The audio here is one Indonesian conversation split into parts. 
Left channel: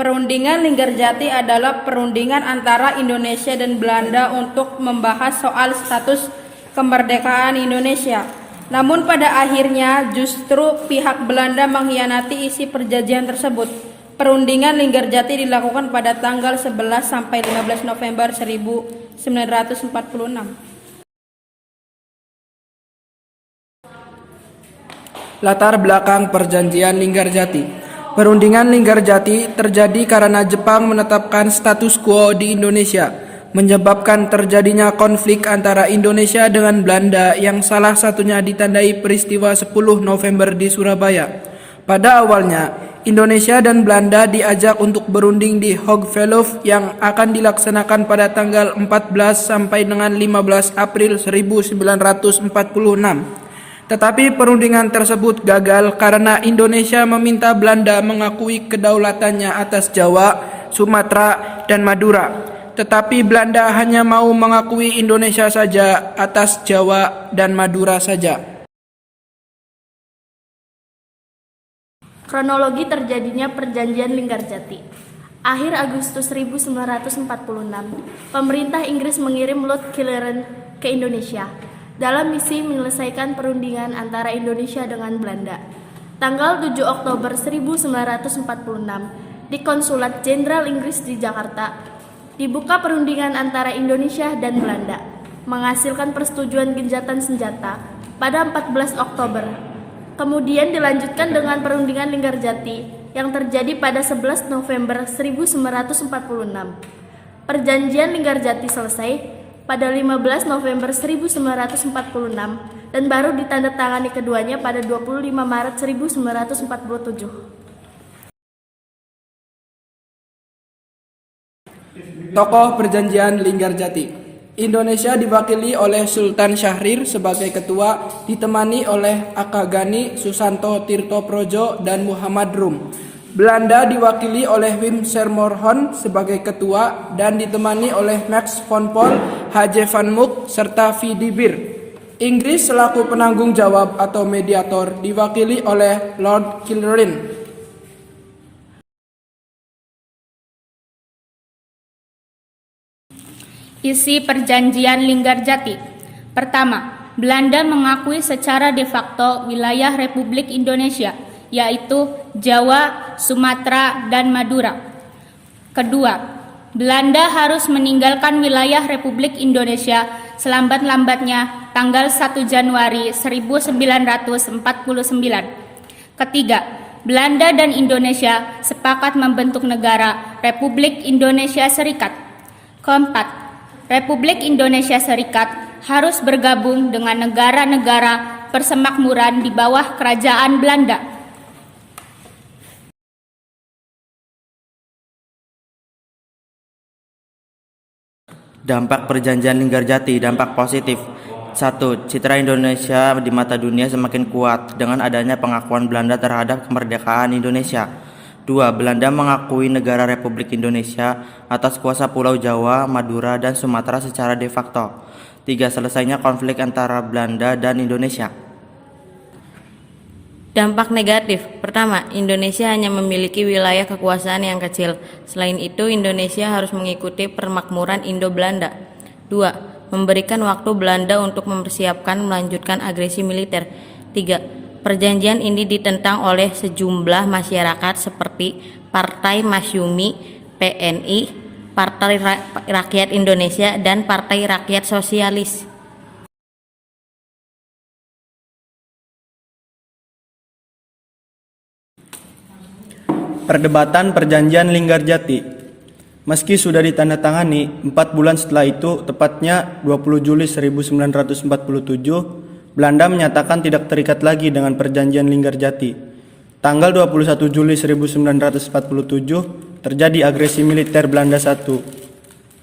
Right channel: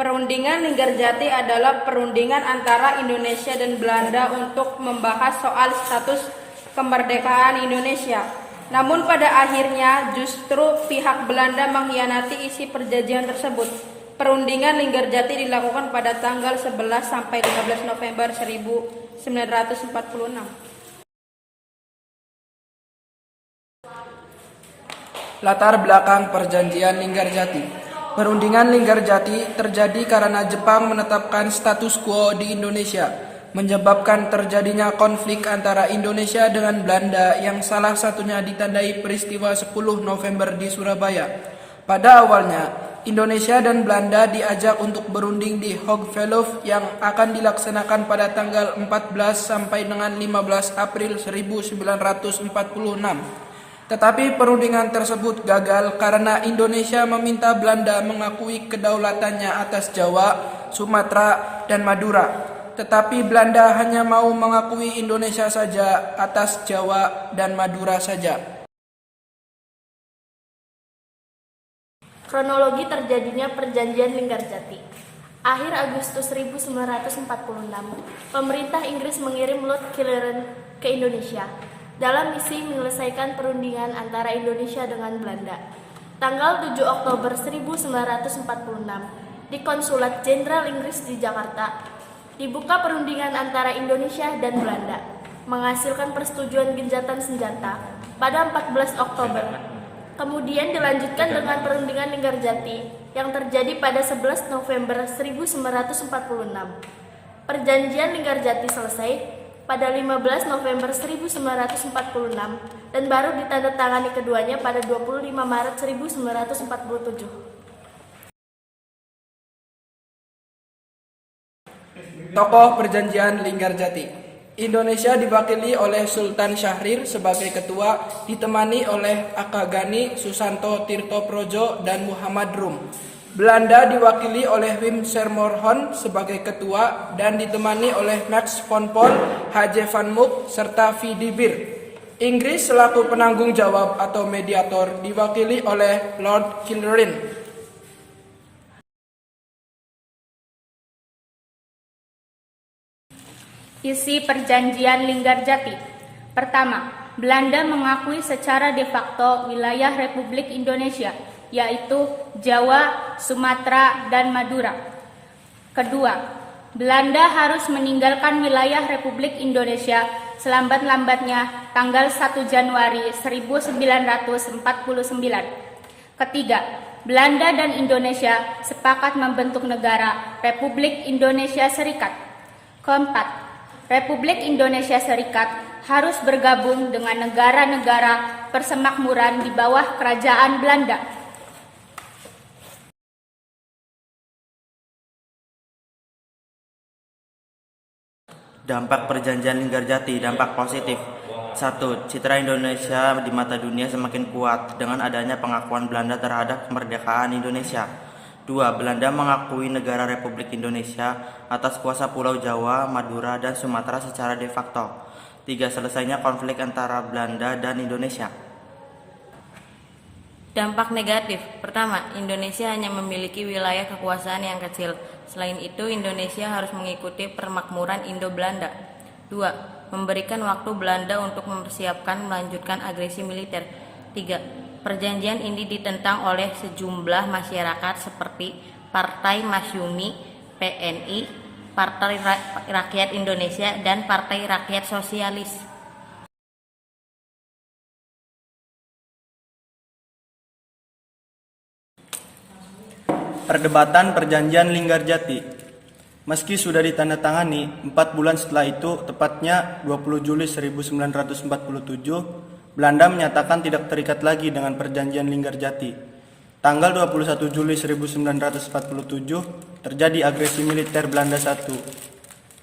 Perundingan Linggarjati adalah perundingan antara Indonesia dan Belanda untuk membahas soal status kemerdekaan Indonesia. Namun pada akhirnya justru pihak Belanda mengkhianati isi perjanjian tersebut. Perundingan Linggarjati dilakukan pada tanggal 11 sampai 15 November 1946. Latar belakang Perjanjian Linggarjati. Perundingan Linggarjati terjadi karena Jepang menetapkan status quo di Indonesia, menyebabkan terjadinya konflik antara Indonesia dengan Belanda yang salah satunya ditandai peristiwa 10 November di Surabaya. Pada awalnya, Indonesia dan Belanda diajak untuk berunding di Hoogeveld yang akan dilaksanakan pada tanggal 14 sampai dengan 15 April 1946. Tetapi perundingan tersebut gagal karena Indonesia meminta Belanda mengakui kedaulatannya atas Jawa, Sumatera, dan Madura. Tetapi Belanda hanya mau mengakui Indonesia saja atas Jawa dan Madura saja. Kronologi terjadinya Perjanjian Linggarjati. Akhir Agustus 1946, pemerintah Inggris mengirim Lord Killarney ke Indonesia dalam misi menyelesaikan perundingan antara Indonesia dengan Belanda. Tanggal 7 Oktober 1946, di Konsulat Jenderal Inggris di Jakarta, dibuka perundingan antara Indonesia dan Belanda, menghasilkan persetujuan gencatan senjata pada 14 Oktober. Kemudian dilanjutkan dengan perundingan Linggarjati yang terjadi pada 11 November 1946. Perjanjian Linggarjati selesai pada 15 November 1946 dan baru ditandatangani keduanya pada 25 Maret 1947. Tokoh Perjanjian Linggarjati. Indonesia diwakili oleh Sultan Syahrir sebagai ketua, ditemani oleh Akagani, Susanto Tirtoprojo, dan Muhammad Rum. Belanda diwakili oleh Wim Sermonhoen sebagai ketua dan ditemani oleh Max von Paul, H.J. van Mook, serta V. de Beer. Inggris selaku penanggung jawab atau mediator diwakili oleh Lord Killarney. Isi Perjanjian Linggarjati. Pertama, Belanda mengakui secara de facto wilayah Republik Indonesia, yaitu Jawa, Sumatera, dan Madura. Kedua, Belanda harus meninggalkan wilayah Republik Indonesia selambat-lambatnya tanggal 1 Januari 1949. Ketiga, Belanda dan Indonesia sepakat membentuk negara Republik Indonesia Serikat. Keempat, Republik Indonesia Serikat harus bergabung dengan negara-negara persemakmuran di bawah kerajaan Belanda. Dampak Perjanjian Linggarjati. Dampak positif. 1. Citra Indonesia di mata dunia semakin kuat dengan adanya pengakuan Belanda terhadap kemerdekaan Indonesia. 2. Belanda mengakui negara Republik Indonesia atas kuasa Pulau Jawa, Madura, dan Sumatera secara de facto. 3. Selesainya konflik antara Belanda dan Indonesia. Dampak negatif. Pertama, Indonesia hanya memiliki wilayah kekuasaan yang kecil. Selain itu, Indonesia harus mengikuti permakmuran Indo-Belanda. 2. Memberikan waktu Belanda untuk mempersiapkan melanjutkan agresi militer. 3. Perjanjian ini ditentang oleh sejumlah masyarakat seperti Partai Masyumi, PNI, Partai Rakyat Indonesia, dan Partai Rakyat Sosialis. Perdebatan Perjanjian Linggarjati. Meski sudah ditandatangani, 4 bulan setelah itu, tepatnya 20 Juli 1947, Belanda menyatakan tidak terikat lagi dengan Perjanjian Linggarjati. Tanggal 21 Juli 1947, terjadi agresi militer Belanda I,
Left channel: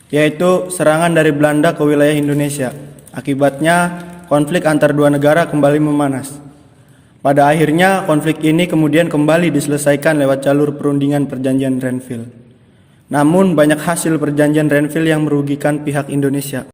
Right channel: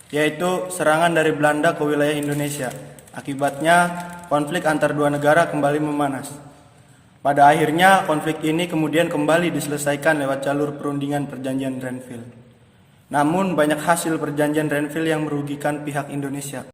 yaitu serangan dari Belanda ke wilayah Indonesia. Akibatnya, konflik antar dua negara kembali memanas. Pada akhirnya, konflik ini kemudian kembali diselesaikan lewat jalur perundingan Perjanjian Renville. Namun, banyak hasil Perjanjian Renville yang merugikan pihak Indonesia.